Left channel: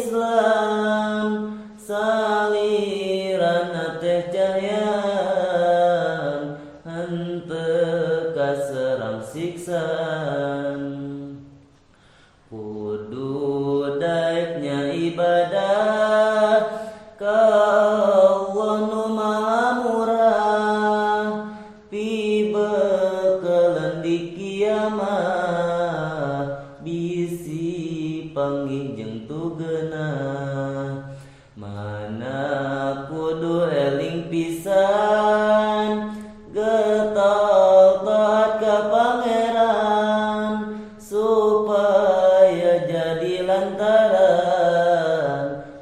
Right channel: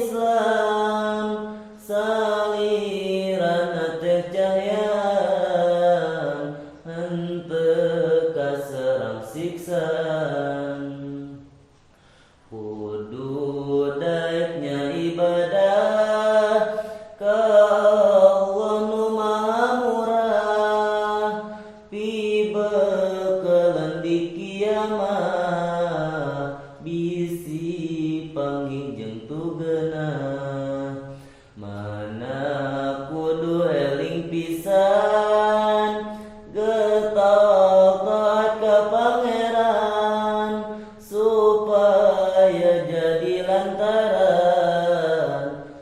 Islam ibadah ka Allah nu maha murah pibeukeun di kiamat bisi panggih jeung tugeuna mana kudu eling pisan getol taat ka pangeran supaya jadi lantaran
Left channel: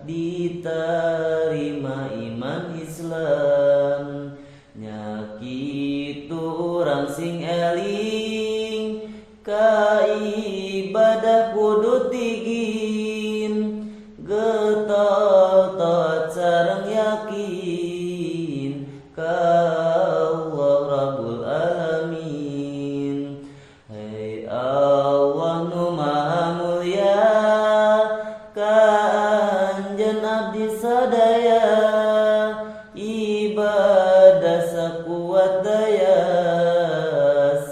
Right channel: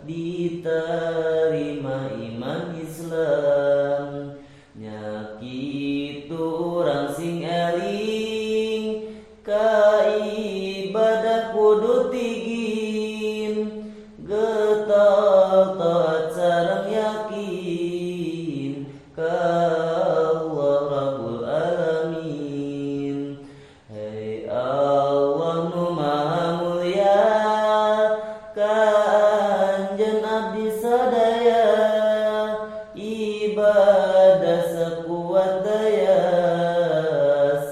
diterima iman Islam nya kitu urang sing eling ka ibadah kudu tigin getol taat sareng yakin ka Allah Rabbul Alamin. Hai Allah nu maha mulia ka anjeun abdi sadaya ibadah sakuat daya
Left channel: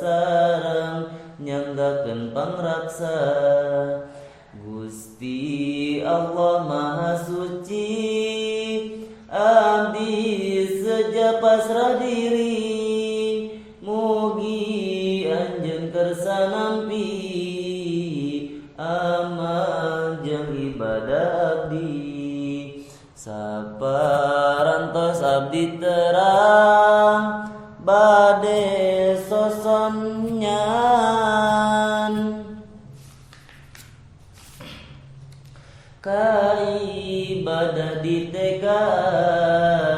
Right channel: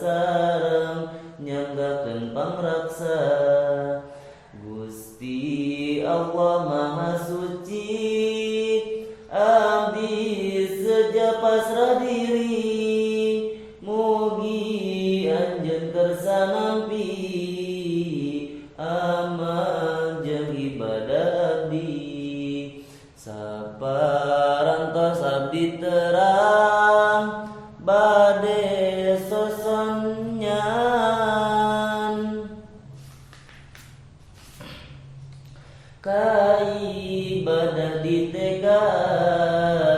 sareng nyanggakeun pangraksa Gusti Allah maha suci abdi seja pasrah diri mugi anjeun kersa nampi amal jeung ibadah abdi saparantos abdi terang bade sosonyan ka ibadah ditegaan